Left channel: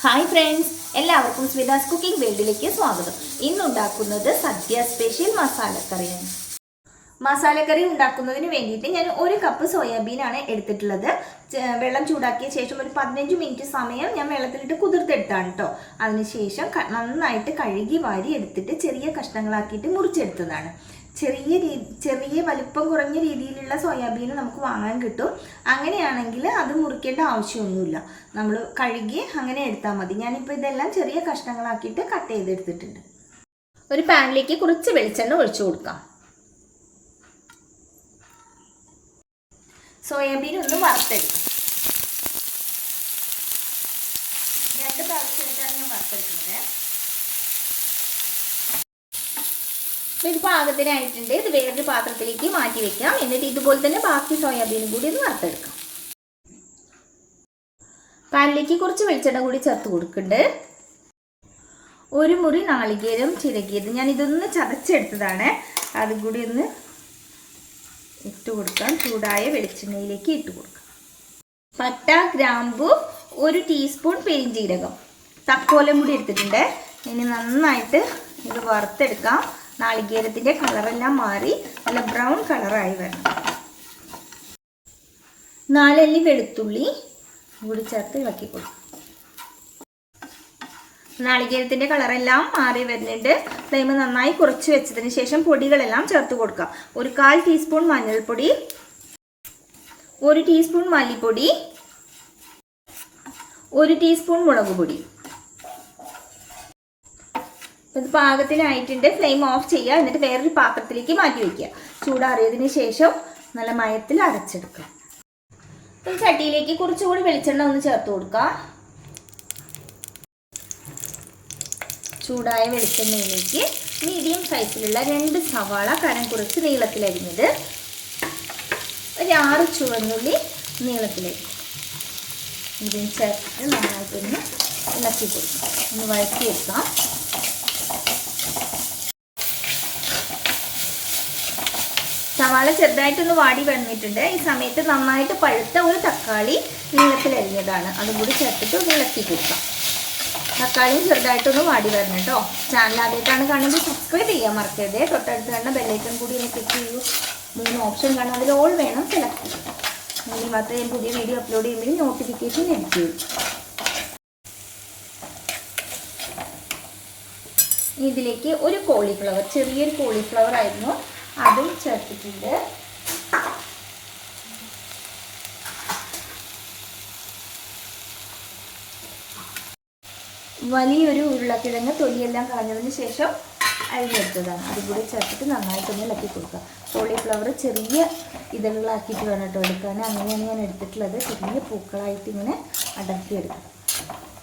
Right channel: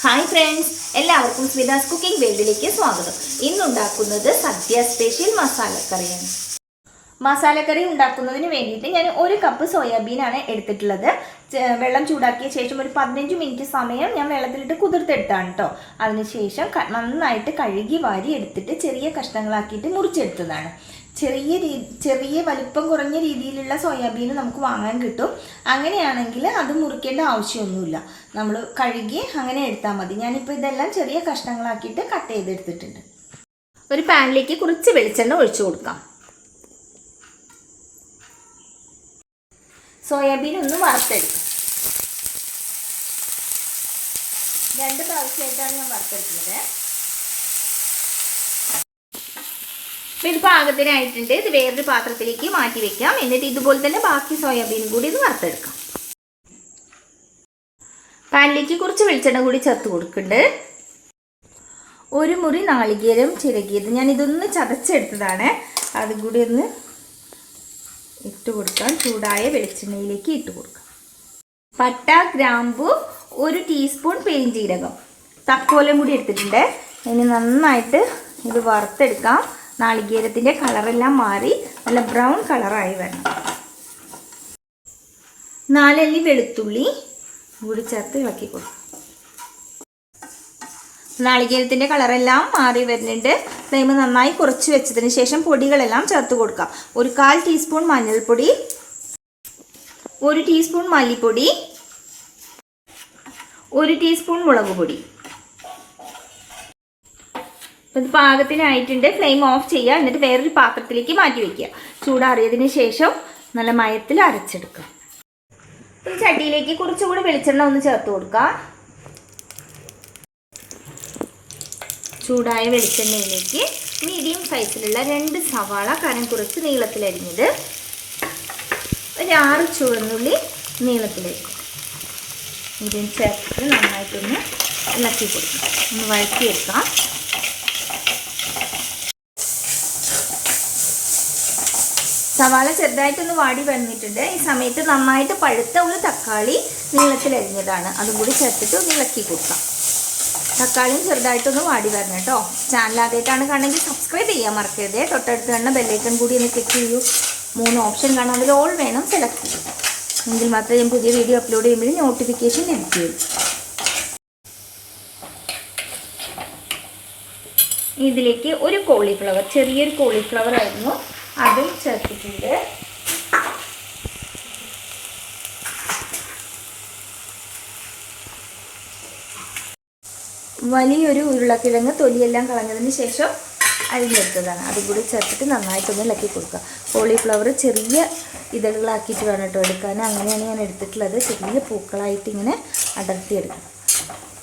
Hi friends, എല്ലാവർക്കും സ്മിതാസ് cooking വേൾഡിലേക്ക് സ്വാഗതം. ഇന്നുണ്ടാക്കുന്നത് സദ്യ സ്പെഷ്യൽ മസാലക്കറിയാണ്. മസാലക്കറി ഉണ്ടാക്കുന്നതിന് വേണ്ടിയിട്ട് ഞാൻ 1 കപ്പ് സോയാബീനാണ് എടുത്തിട്ടുള്ളത്. വെള്ളം ചൂടാക്കിയ ശേഷം ഒരു 15 മിനിറ്റ് സമയം ഞാൻ വെള്ളത്തിലിട്ട് കുതിർത്തെടുത്താണ് കേട്ടോ. അതിനുശേഷം നന്നായിട്ട് കഴുകി വാരി എടുത്തിട്ട് ചെറിയ കഷ്ണങ്ങളാക്കിയിട്ട് മുറിച്ചെടുത്തതാണ്. ചെറിയ വലുപ്പം കുറഞ്ഞ രീതിയിലുള്ള സോയാബീൻ നമുക്ക് വാങ്ങാൻ കിട്ടും. അങ്ങനെയാണെങ്കിൽ അത് മുറിക്കേണ്ട ആവശ്യമൊന്നുമില്ല, നമ്മൾ കഴുകി അങ്ങനെ എടുത്താൽ മതി. ഞാനിപ്പോൾ ഇതെല്ലാം ചെറിയ കഷ്ണങ്ങളാക്കിയിട്ട് കട്ട് ചെയ്തെടുത്തിട്ടുണ്ട്. ഒരു പാനിലേക്ക് കുറച്ച് വെളിച്ചെണ്ണ ഒഴിച്ചു കൊടുക്കാം. സോയാബീൻ ഒന്ന് വറുത്തെടുക്കാം. 2 പ്രാവശ്യമായിട്ടാണ് ഞാൻ വറുത്തെടുക്കുന്നത്. ഇത് പാകത്തിനായിട്ടുണ്ട്. ഇത് വേറൊരു പാത്രത്തിലേക്ക് മാറ്റി വെക്കാം. എന്നിട്ട് ഇതുപോലെ തന്നെ ബാക്കി സോയാബീനും കൂടി ഇത് വറുത്തെടുക്കാം. പാനിലേക്ക് കുറച്ച് വെളിച്ചെണ്ണ കൂടി ചേർത്ത് കൊടുക്കുന്നുണ്ട്. 1 മുറി നാളികേരം ചിരകിയത് ഞാൻ ഇതൊന്ന് ചതച്ചെടുത്തതാണ്. അതും കൂടി ഒന്ന് ഇട്ട് കൊടുക്കാം. ചൂടായ വെളിച്ചെണ്ണയിലേക്ക് ഇട്ട് കൊടുക്കാം. പട്ട, ഗ്രാമ്പു, 1 ടീസ്പൂൺ പെരിഞ്ജീരകം, തക്കോലം കൂടി എടുത്തിട്ടുണ്ട്. ഇനി നന്നായിട്ട് ഇത് വറുത്തെടുക്കാം. നാളികേരത്തിൻ്റെ കളറെല്ലാം മാറി നല്ല ബ്രൗൺ കളറായി വരണം. 4 അല്ലി വെളുത്തുള്ളി കൂടി ചേർത്ത് ഇളക്കി കൊടുക്കും. നാളികേരത്തിൻ്റെ കളറെല്ലാം മാറി വരുന്നുണ്ട്. ഫ്ലെയിം നന്നായി കുറച്ച് വെച്ചതിന് ശേഷം പൊടികളെല്ലാം ചേർത്ത് കൊടുക്കാം. 1/4 ടീസ്പൂൺ മഞ്ഞൾപ്പൊടി, 1 ടീസ്പൂൺ മല്ലിപ്പൊടി, 1 ടീസ്പൂൺ മുളക് പൊടി. ഇത് പാകത്തിനായിട്ടുണ്ട്. ഫ്ലെയിം ഓഫ് ചെയ്യുക. എന്നിട്ട് വേറൊരു പാത്രത്തിലേക്ക് മാറ്റി വയ്ക്കുക. ചൂടാറിയതിന് ശേഷം നല്ല മയത്തിൽ അരച്ചെടുക്കുക. ഒരു ചട്ടിയിലേക്ക് കുറച്ചുകൂടി വെളിച്ചെണ്ണ ഒന്ന് ചേർത്ത് കൊടുക്കുക. ചൂടായ വെളിച്ചെണ്ണയിലേക്ക് മീഡിയം സൈസിലുള്ള 2 സവാള കനം കുറച്ച് നീളത്തിലരിഞ്ഞത്, ഒരു 6 ചുവന്നുള്ളി നീളത്തിലരിഞ്ഞത് ഇതും ചേർത്ത് നന്നായിട്ടൊന്ന് ഇളക്കി കൊടുക്കുക. ഒന്ന് വഴറ്റിയെടുക്കാം. സവാള ചെറുതായിട്ടൊന്ന് വാടി വന്നിട്ടുണ്ട്. ഈ സമയത്ത് നന്നായിട്ട് പഴുത്ത ഒരു തക്കാളി നീളത്തിലരിഞ്ഞതാണ്, അതും കൂടി ചേർത്തിട്ട് ഒന്ന് ഇളക്കി കൊടുക്കാം. തക്കാളിയും ചെറുതായിട്ടൊന്ന് വാടി വരണം കേട്ടോ. ചാനൽ ആദ്യമായിട്ടാണ് കാണുന്നത് സബ്സ്ക്രൈബ് ചെയ്യാൻ മറക്കരുത്. തൊട്ടടുത്ത് കാണുന്ന ബെല്ലൈക്കൺ കൂടി ഒന്ന് ക്ലിക്ക് ചെയ്യൂ. 3 ഓപ്ഷൻ കാണാം, അതിൽ ഓൾ വേണം സെലക്ട് ചെയ്യുക. എങ്കിൽ മാത്രമേ ഞാൻ പുതിയ വീഡിയോ അപ്ലോഡ് ചെയ്യുമ്പോഴും നോട്ടിഫിക്കേഷൻ ലഭിക്കുകയുള്ളൂ. ഇതിലേക്ക് ഒരു കോളിഫ്ലവർ, ചെറിയൊരു കോളിഫ്ലവർ ആയിരുന്നു, അതും ചേർത്തിട്ടുണ്ട്. വലിയൊരു ഉരുളക്കിഴങ്ങ് തൊലിയെല്ലാം കളഞ്ഞതിന് ശേഷം അരിഞ്ഞെടുത്തതാണ്, അതും കൂടി ചേർത്തിട്ട് നന്നായിട്ടൊന്ന് ഇളക്കി കൊടുക്കുക. കോളിഫ്ലവർ ചെറിയ ഇതളുകളാക്കിയിട്ട് വേണം കേട്ടോ എടുക്കാൻ. അങ്ങനെയാണ് ഞാൻ എടുത്തിട്ടുള്ളത്. ചെറിയ പൂക്കളായിട്ട് ഇങ്ങനെ അടർത്തിയെടുക്കണം.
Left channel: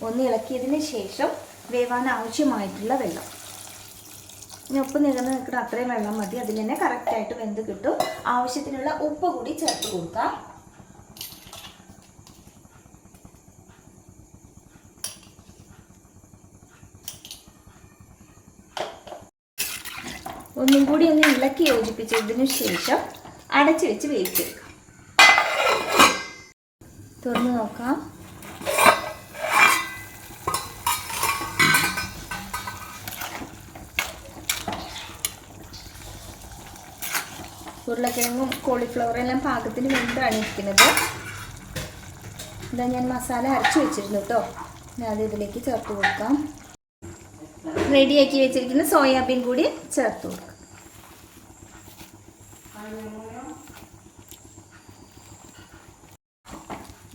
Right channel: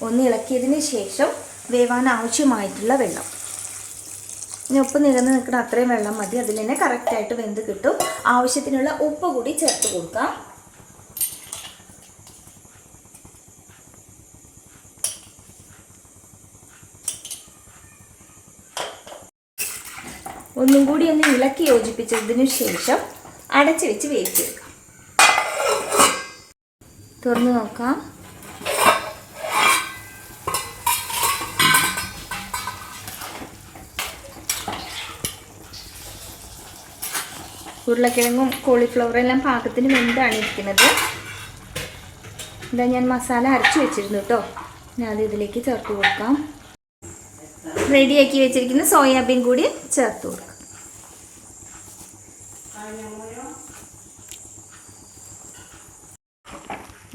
ഒന്ന് ഇളക്കിയതിന് ശേഷം വേവാൻ ആവശ്യമായിട്ടുള്ള വെള്ളം, ഇനി ഉപ്പ് നികന്ന് നിൽക്കുന്ന അത്രയും വെള്ളം മതി. അതിൽ തന്നെ കറക്റ്റായിട്ട് വെന്ത് കിട്ടും. ആവശ്യത്തിനുള്ള ഉപ്പ് കൂടി ചേർത്ത് കൊടുക്കാം. ഒന്നും കൂടി ഒന്ന് ഇളക്കി യോജിപ്പിച്ചതിന് ശേഷം അടച്ചു വെച്ച് വേവിച്ചെടുക്കാം. തുറന്ന് നോക്കാം. ഉരുളക്കിഴങ്ങും കോളിഫ്ലവറും എല്ലാം പാകത്തിന് വെന്താണ് ഇരിക്കുന്നത്. ഇതാ ഞാൻ മസാല അരച്ചു വെച്ചിരുന്നു കേട്ടോ. ഞാൻ അത് ഇതിലേക്ക് ചേർത്ത് കൊടുക്കാം. റെഡിയാക്കി വെച്ചിരിക്കുന്ന സോയാബീൻ കൂടി ചേർത്ത് കൊടുക്കാം.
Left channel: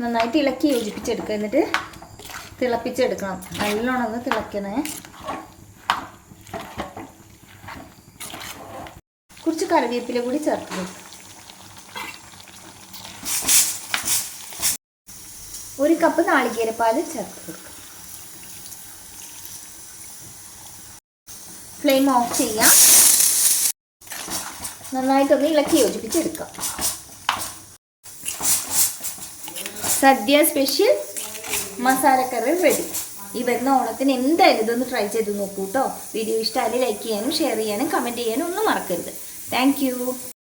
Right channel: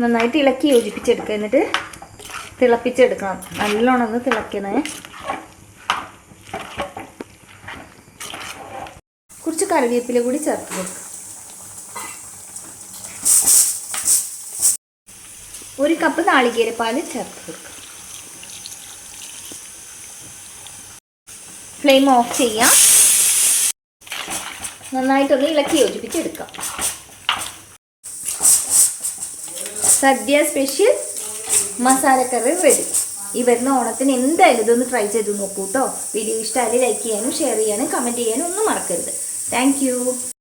നന്നായിട്ട് ഇളക്കി യോജിപ്പിച്ചെടുക്കുക. എന്നിട്ട് തിളപ്പിച്ചെടുക്കണം. നല്ലോണം ഒന്ന് തിളക്കണേ. കുറച്ച് കറിവേപ്പില കൂടി ചേർത്ത് കൊടുക്കുക. 1 കപ്പ് നാളികേരപ്പാൽ ചേർത്ത് കൊടുക്കുക. ഫ്ലെയിം ഓഫ് ചെയ്യാം. നന്നായിട്ടൊന്ന് ഇളക്കി യോജിപ്പിച്ചെടുക്കാം. സദ്യ സ്പെഷ്യൽ മസാലക്കറി റെഡി. ഈ വരുന്ന ഓണത്തിന് എന്തായാലും ഇതൊന്ന് ട്രൈ ചെയ്ത് നോക്കൂ കേട്ടോ. വീഡിയോ ഇഷ്ടമായാലും ലൈക്ക് ചെയ്യാനും ഷെയർ ചെയ്യാനും കമൻറ്റ് ചെയ്യാനും ഒന്നും മറക്കരുത്. Thank you.